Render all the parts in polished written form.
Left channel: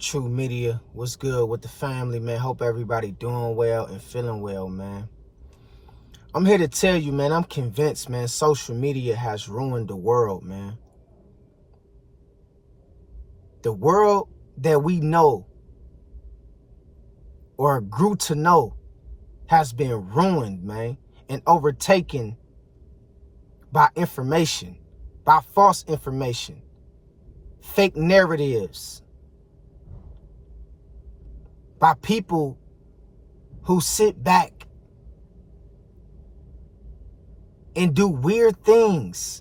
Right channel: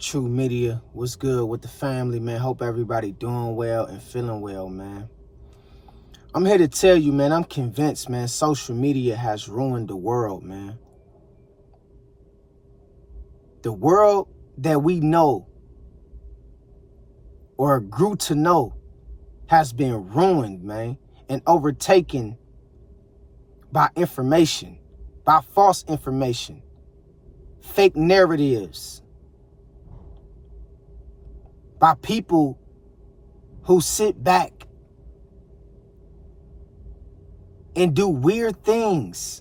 True Media, what's good with the family, man? Hope everybody doing well and feeling well, man. I'm here to tell you, man, I'm convinced, man, social media has ruined the world, man. The world that we know or grew to know has been ruined, man, and overtaken by information, by false information, fake narratives, by people who sit back and do weird things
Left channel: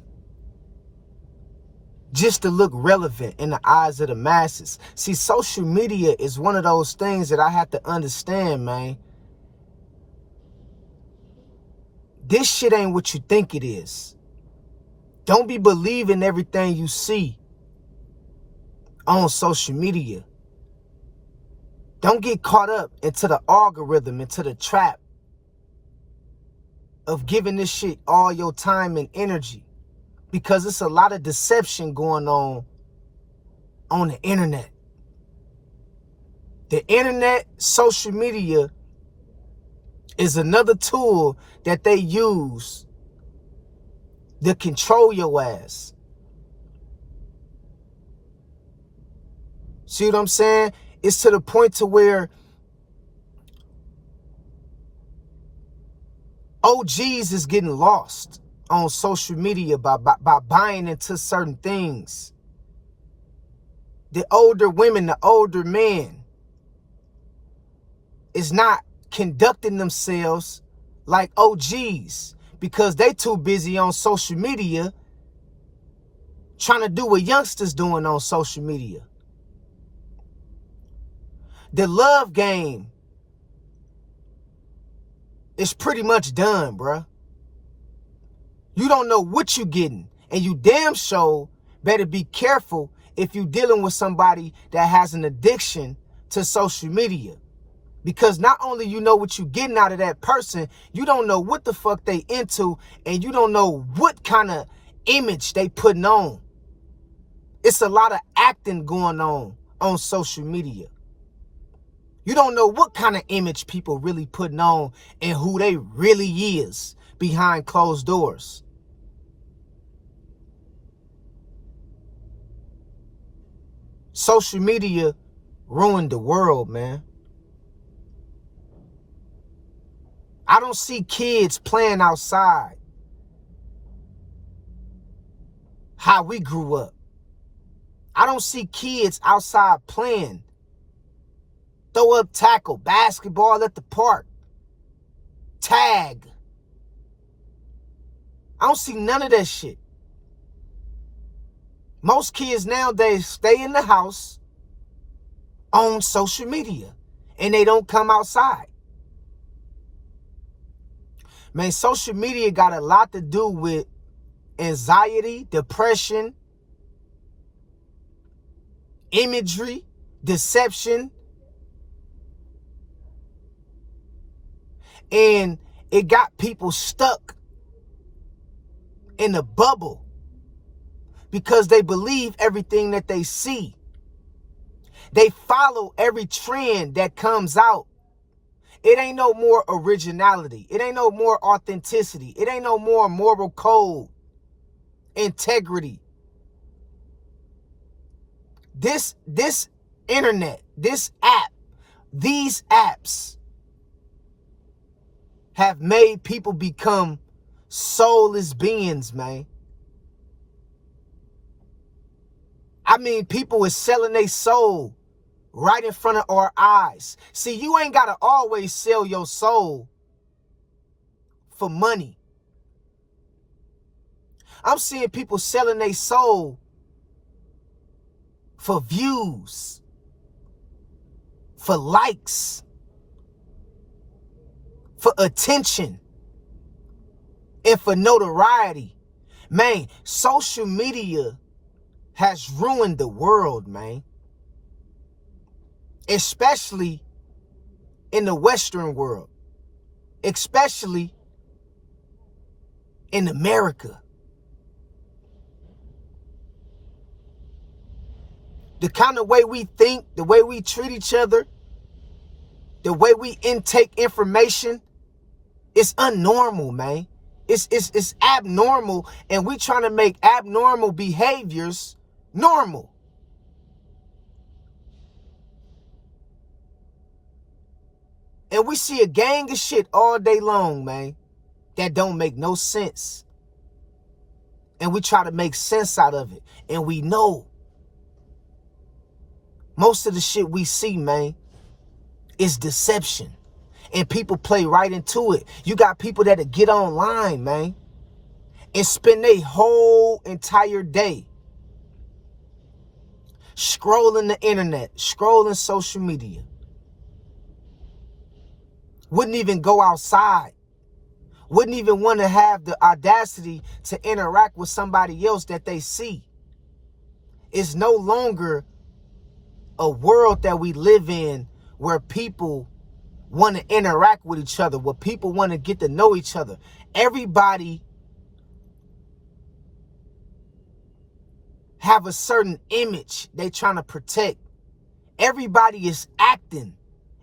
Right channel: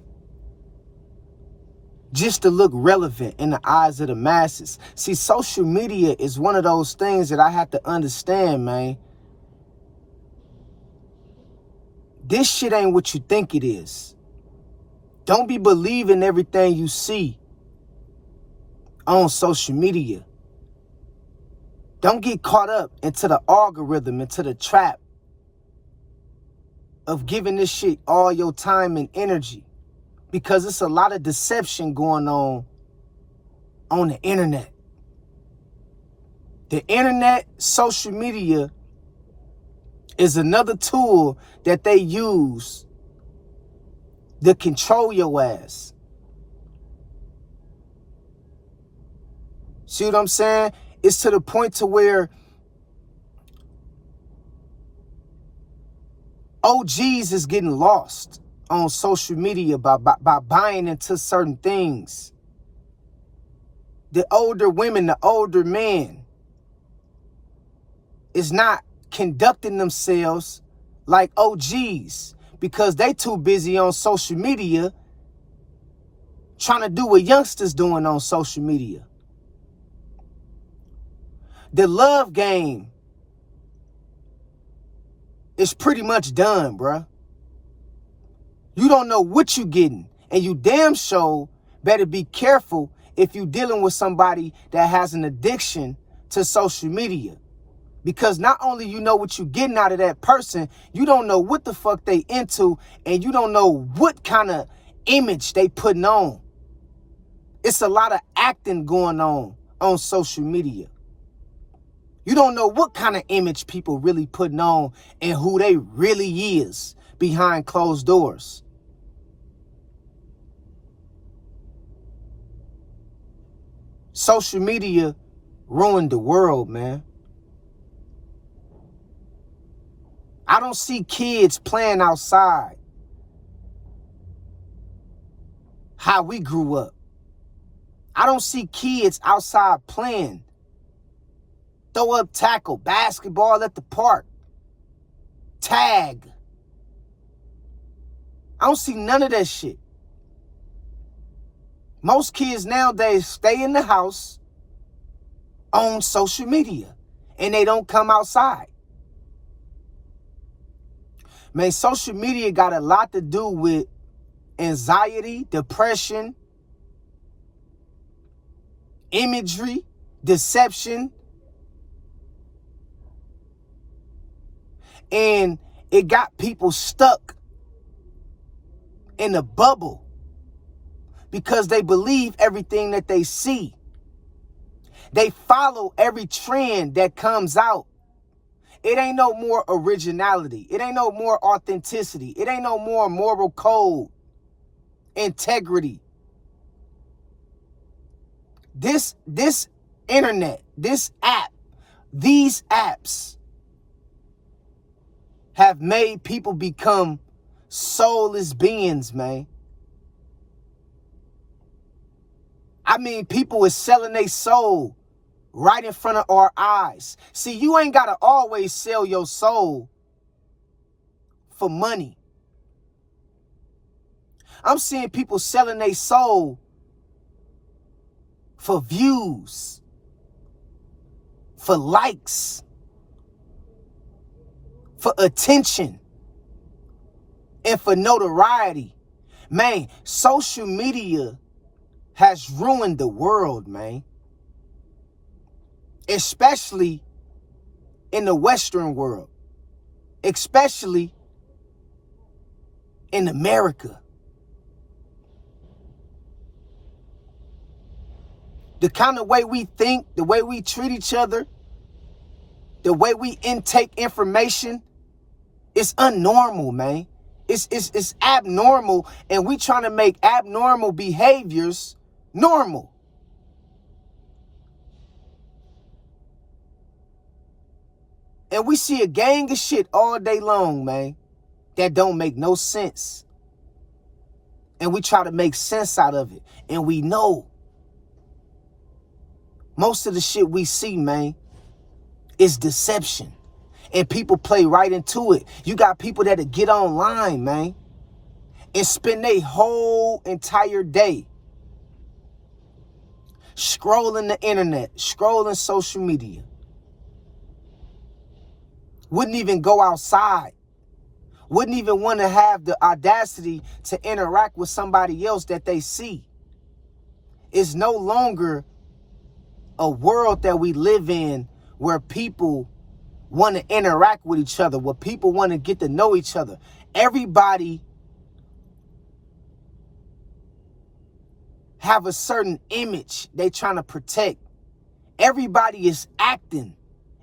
just to look relevant in the eyes of the masses. See, social media is one of those things that I have to understand, man. This shit ain't what you think it is. Don't be believing everything you see on social media. Don't get caught up into the algorithm, into the trap of giving this shit all your time and energy, because it's a lot of deception going on the internet. The internet, social media, is another tool that they use to control your ass. See what I'm saying? It's to the point to where OGs is getting lost on social media by buying into certain things. The older women, the older men is not conducting themselves like OGs because they too busy on social media trying to do what youngsters doing on social media. The love game is pretty much done, bruh. You don't know what you getting, and you damn sure better be careful if you dealing with somebody that has an addiction to social media. Because not only you know what you getting out of that person, you don't know what the fuck they into, and you don't know what kind of image they putting on. It's a lot of acting going on social media. You don't know what kind of image people really putting on and who they really is behind closed doors. Social media ruined the world, man. I don't see kids playing outside how we grew up. I don't see kids outside playing. Throw up tackle, basketball at the park, tag. I don't see none of that shit. Most kids nowadays stay in the house on social media and they don't come outside. Man, social media got a lot to do with anxiety, depression, imagery, deception. And it got people stuck in a bubble because they believe everything that they see. They follow every trend that comes out. It ain't no more originality. It ain't no more authenticity. It ain't no more moral code, integrity. This internet, this app, these apps have made people become soulless beings, man. I mean, people is selling their soul right in front of our eyes. See, you ain't got to always sell your soul for money. I'm seeing people selling their soul for views, for likes, for attention, and for notoriety. Man, social media has ruined the world, man. Especially in the Western world. Especially in America. The kind of way we think, the way we treat each other, the way we intake information, it's unnormal, man. It's abnormal, and we trying to make abnormal behaviors normal. And we see a gang of shit all day long, man, that don't make no sense. And we try to make sense out of it. And we know most of the shit we see, man, is deception. And people play right into it. You got people that'll get online, man, and spend their whole entire day scrolling the internet, scrolling social media. Wouldn't even go outside. Wouldn't even want to have the audacity to interact with somebody else that they see. It's no longer a world that we live in where people want to interact with each other, where people want to get to know each other. Everybody have a certain image they trying to protect. Everybody is acting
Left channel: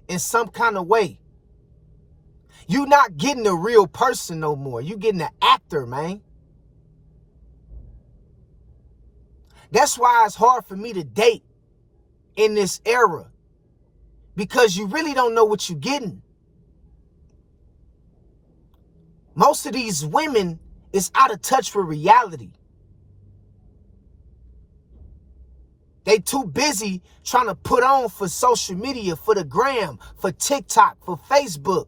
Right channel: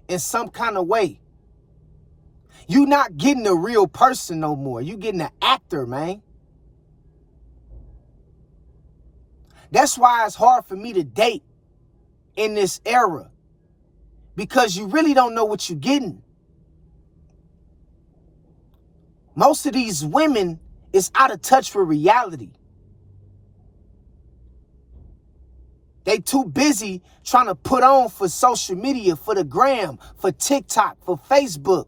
in some kind of way. You not getting a real person no more. You getting an actor, man. That's why it's hard for me to date in this era, because you really don't know what you're getting. Most of these women is out of touch with reality. They too busy trying to put on for social media, for the gram, for TikTok, for Facebook.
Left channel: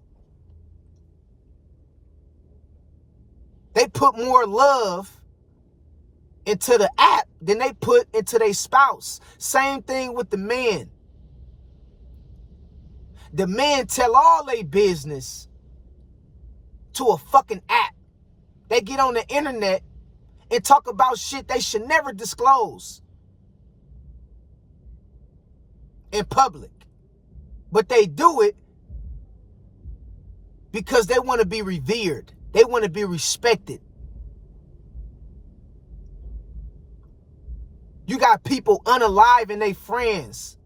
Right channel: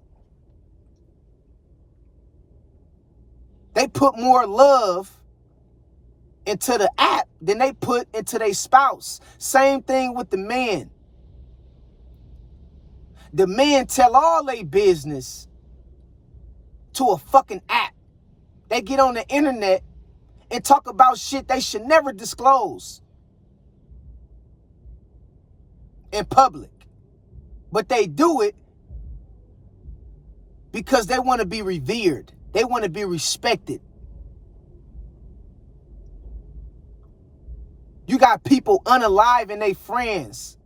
They put more love into the app than they put into their spouse. Same thing with the men. The men tell all their business to a fucking app. They get on the internet and talk about shit they should never disclose in public. But they do it because they want to be revered. They want to be respected. You got people unaliving their friends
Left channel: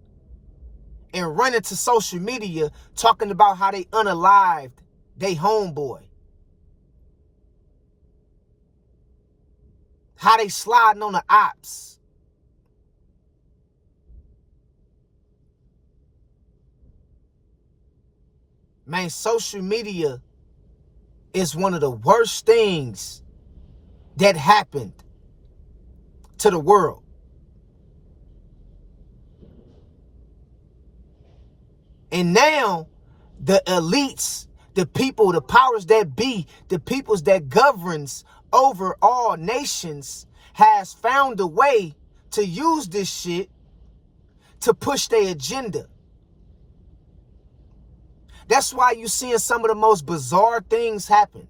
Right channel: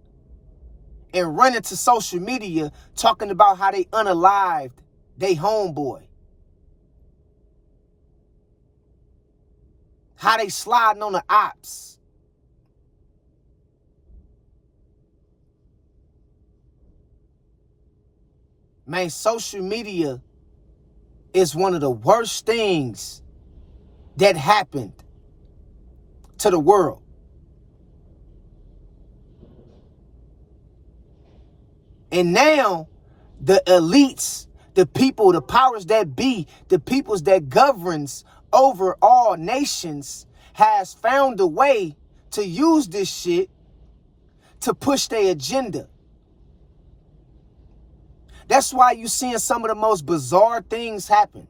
and running to social media talking about how they unalived they homeboy. How they sliding on the ops. Man, social media is one of the worst things that happened to the world. And now the elites, the people, the powers that be, the peoples that governs over all nations has found a way to use this shit to push their agenda. That's why you're seeing some of the most bizarre things happen.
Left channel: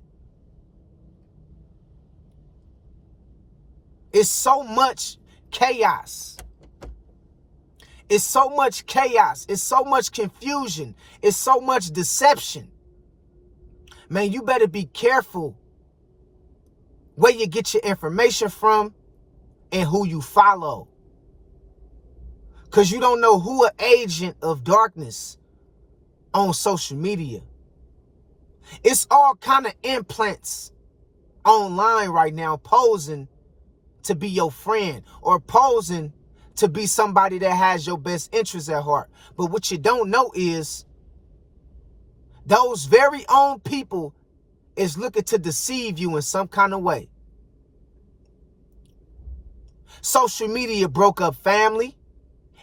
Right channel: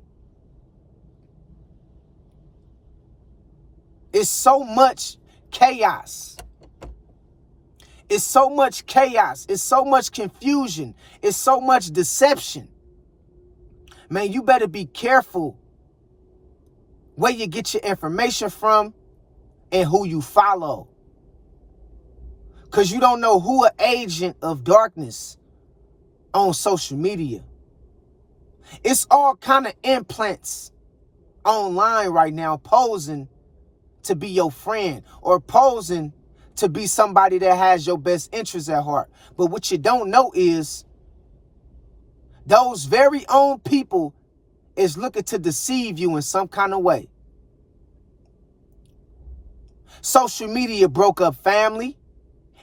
It's so much chaos. It's so much chaos. It's so much confusion. It's so much deception. Man, you better be careful where you get your information from and who you follow. Because you don't know who an agent of darkness on social media. It's all kind of implants online right now posing to be your friend or posing to be somebody that has your best interests at heart. But what you don't know is those very own people is looking to deceive you in some kind of way. Social media broke up family.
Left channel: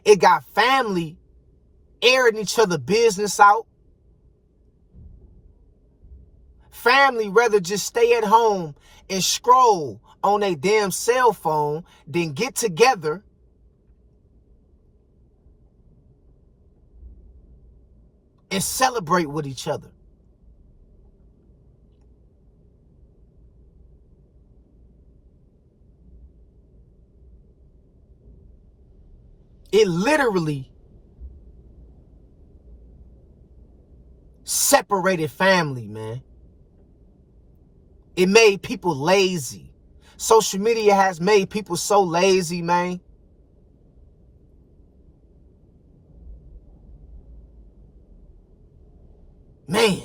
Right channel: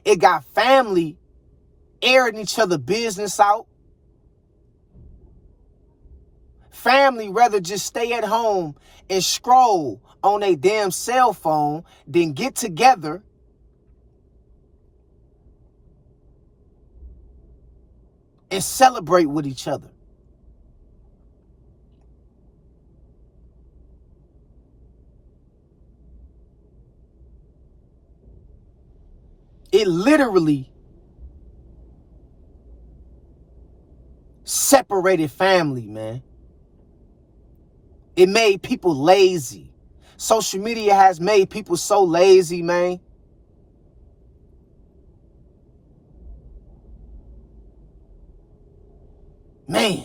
It got family airing each other business out. Family rather just stay at home and scroll on a damn cell phone than get together and celebrate with each other. It literally separated family, man. It made people lazy. Social media has made people so lazy, man. Man.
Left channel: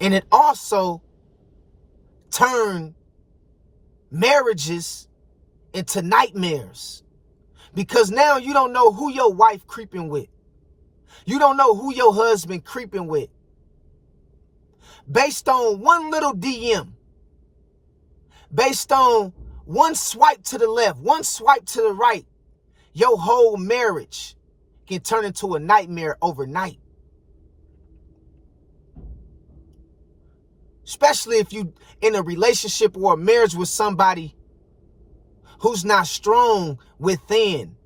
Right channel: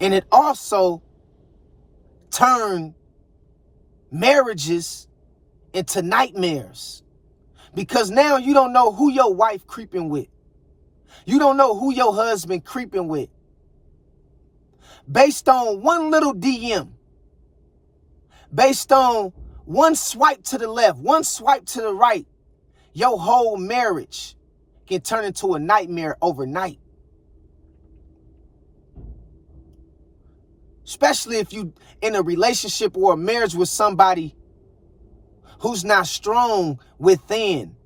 And it also turned marriages into nightmares. Because now you don't know who your wife creeping with. You don't know who your husband creeping with. Based on one little DM. Based on one swipe to the left, one swipe to the right. Your whole marriage can turn into a nightmare overnight. Especially if you in a relationship or a marriage with somebody who's not strong within,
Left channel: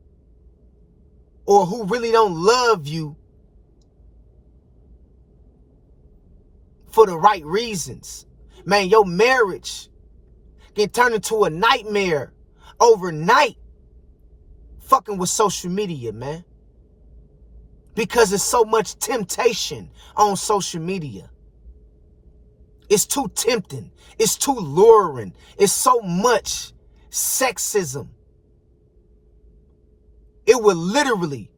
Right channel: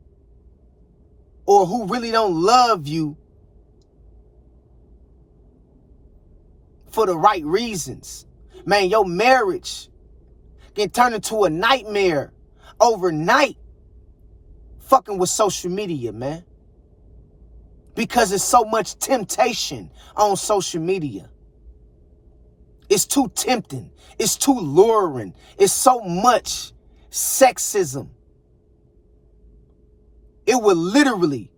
or who really don't love you for the right reasons. Man, your marriage can turn into a nightmare overnight fucking with social media, man. Because it's so much temptation on social media. It's too tempting. It's too luring. It's so much sexism. It will literally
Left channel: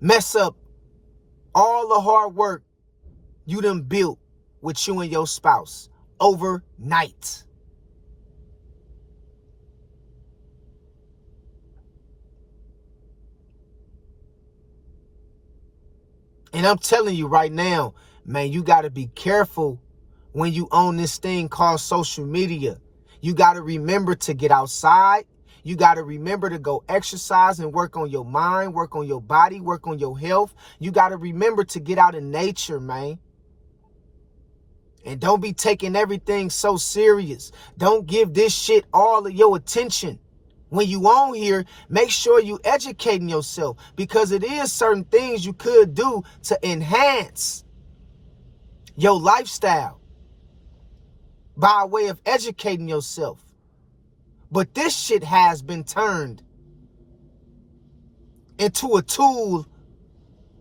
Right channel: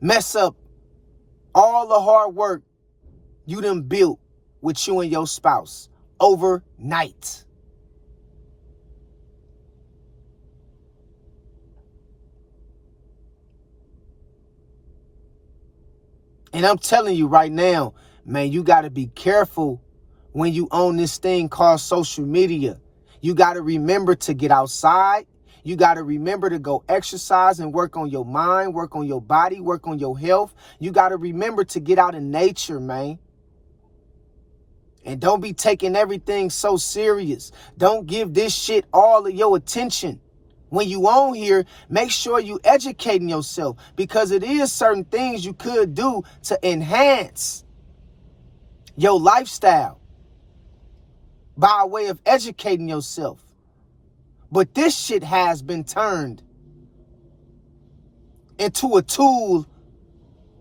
mess up all the hard work you done built with you and your spouse overnight. And I'm telling you right now, man, you got to be careful when you own this thing called social media. You got to remember to get outside. You got to remember to go exercise and work on your mind, work on your body, work on your health. You got to remember to get out in nature, man. And don't be taking everything so serious. Don't give this shit all of your attention. When you on here, make sure you educating yourself, because it is certain things you could do to enhance your lifestyle by way of educating yourself. But this shit has been turned into a tool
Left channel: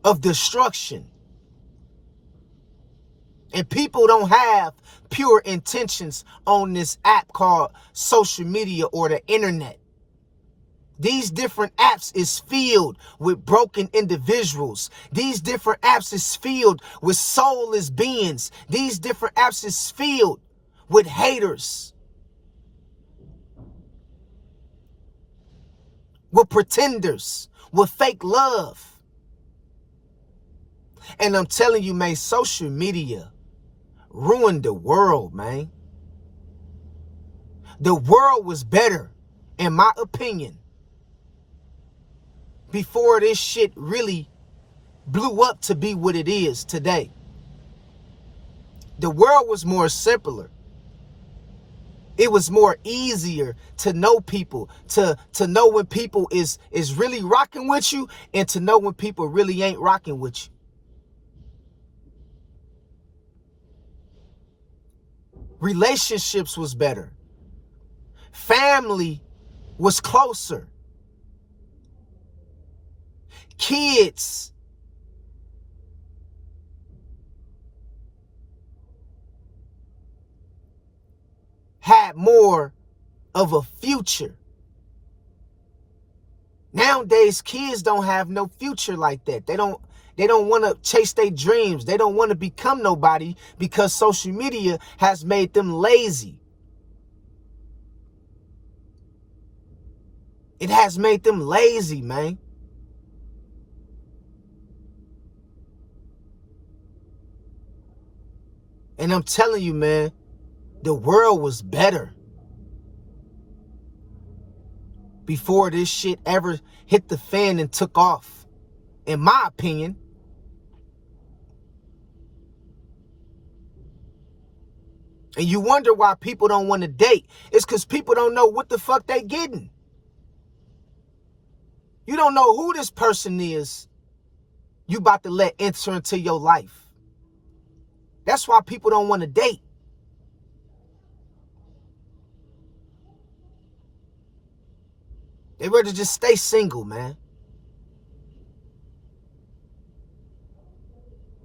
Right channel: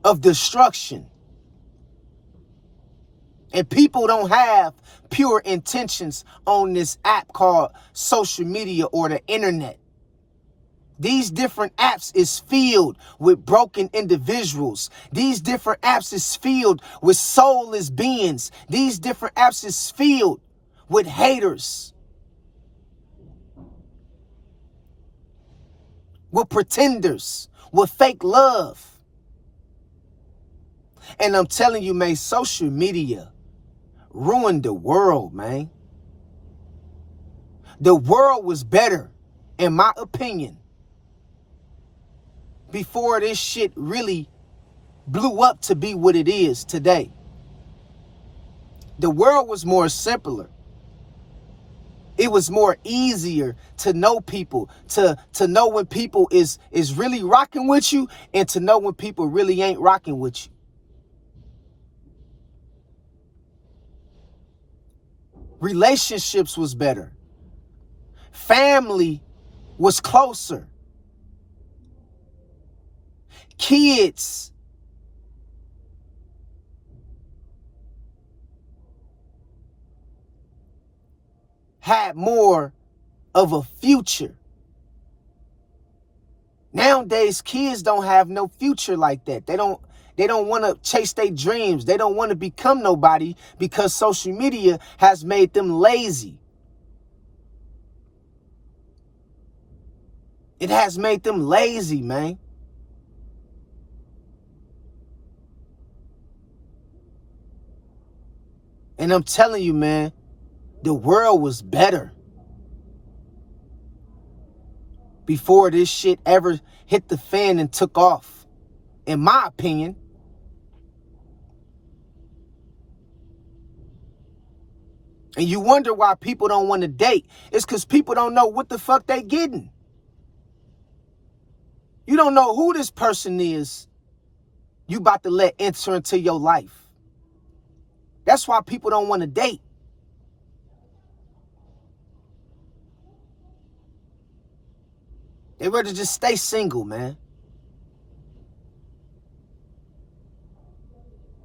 of destruction. And people don't have pure intentions on this app called social media or the internet. These different apps is filled with broken individuals. These different apps is filled with soulless beings. These different apps is filled with haters, with pretenders, with fake love. And I'm telling you, man, social media ruined the world, man. The world was better, in my opinion, before this shit really blew up to be what it is today. The world was more simpler. It was more easier to know people, to know when people is really rocking with you, and to know when people really ain't rocking with you. Relationships was better. Family was closer. Kids had more of a future. Nowadays, kids don't have no future like that. They don't want to chase their dreams. They don't want to become nobody because social media has made them lazy. It has made them lazy, man. And I'm telling you, man, the world was better before this shit ever hit the fan and took off, in my opinion. And you wonder why people don't want to date. It's because people don't know what the fuck they getting. You don't know who this person is you about to let enter into your life. That's why people don't want to date. They rather just stay single, man.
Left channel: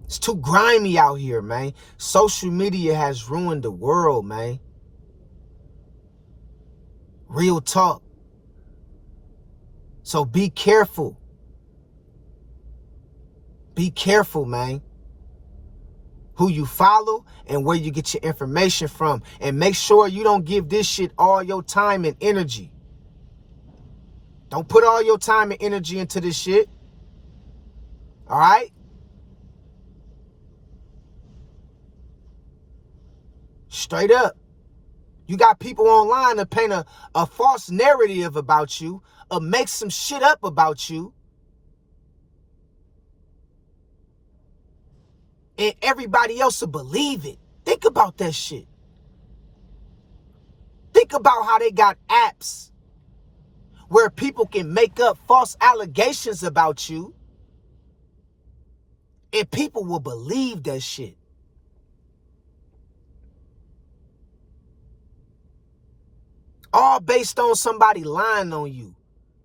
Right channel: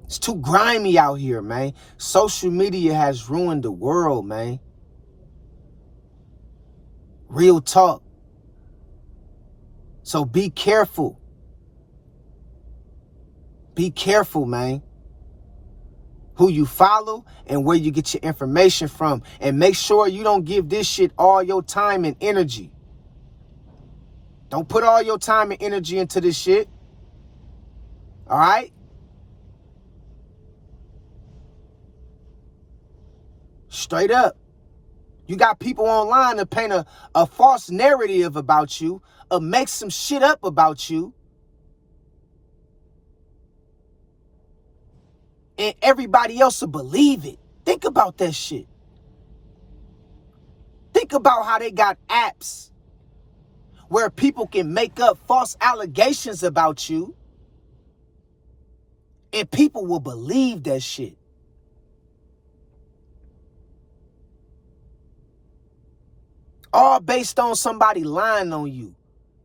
It's too grimy out here, man. Social media has ruined the world, man. Real talk. So be careful. Be careful, man. Who you follow and where you get your information from. And make sure you don't give this shit all your time and energy. Don't put all your time and energy into this shit. All right? Straight up. You got people online to paint a false narrative about you, or make some shit up about you. And everybody else will believe it. Think about that shit. Think about how they got apps where people can make up false allegations about you, and people will believe that shit. All based on somebody lying on you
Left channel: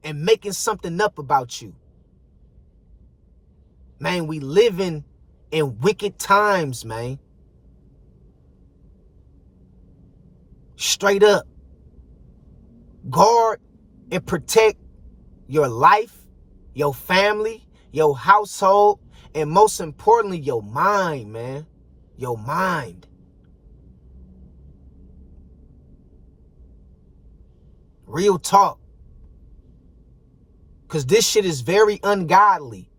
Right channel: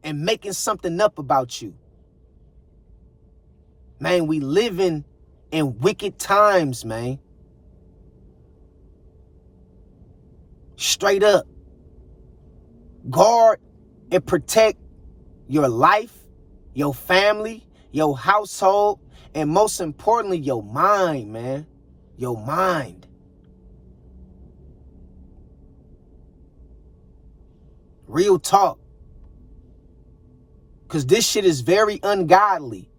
and making something up about you. Man, we living in wicked times, man. Straight up. Guard and protect your life, your family, your household, and most importantly, your mind, man. Your mind. Real talk. Because this shit is very ungodly.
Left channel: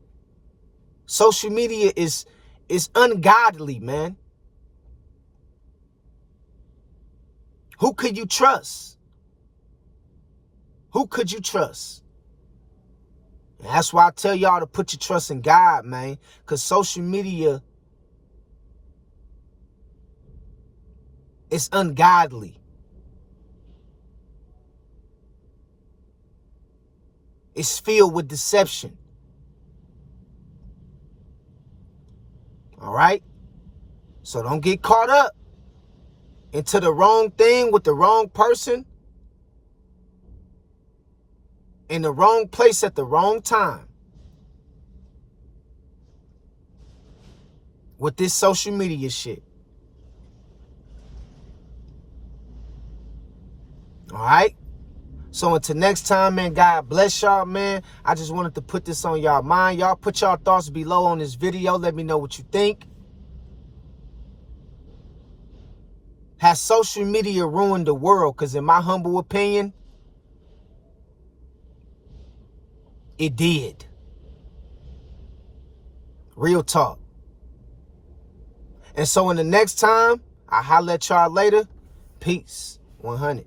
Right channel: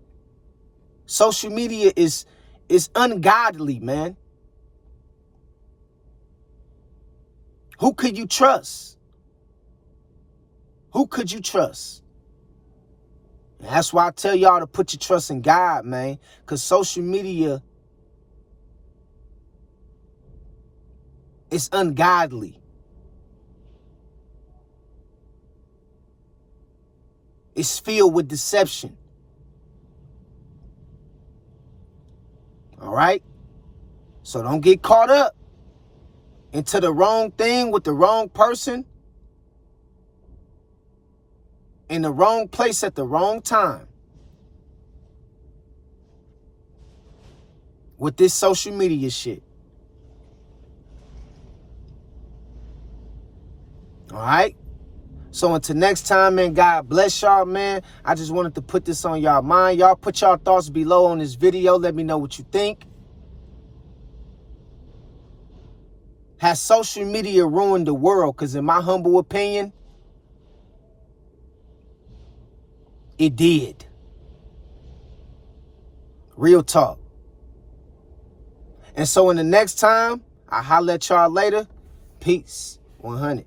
Social media is ungodly, man. Who could you trust? Who could you trust? And that's why I tell y'all to put your trust in God, man. Because social media is ungodly. It's filled with deception. All right? So don't get caught up into the wrong thing with the wrong person in the wrong place at the wrong time with this social media shit. All right? So until next time, man, God bless y'all, man. I just wanted to put this on y'all mind. Y'all put y'all thoughts below on this video. Let me know what you think. Has social media ruined the world? Because in my humble opinion, it did. Real talk. And so in the next time, I'll holler at y'all later. Peace. 100.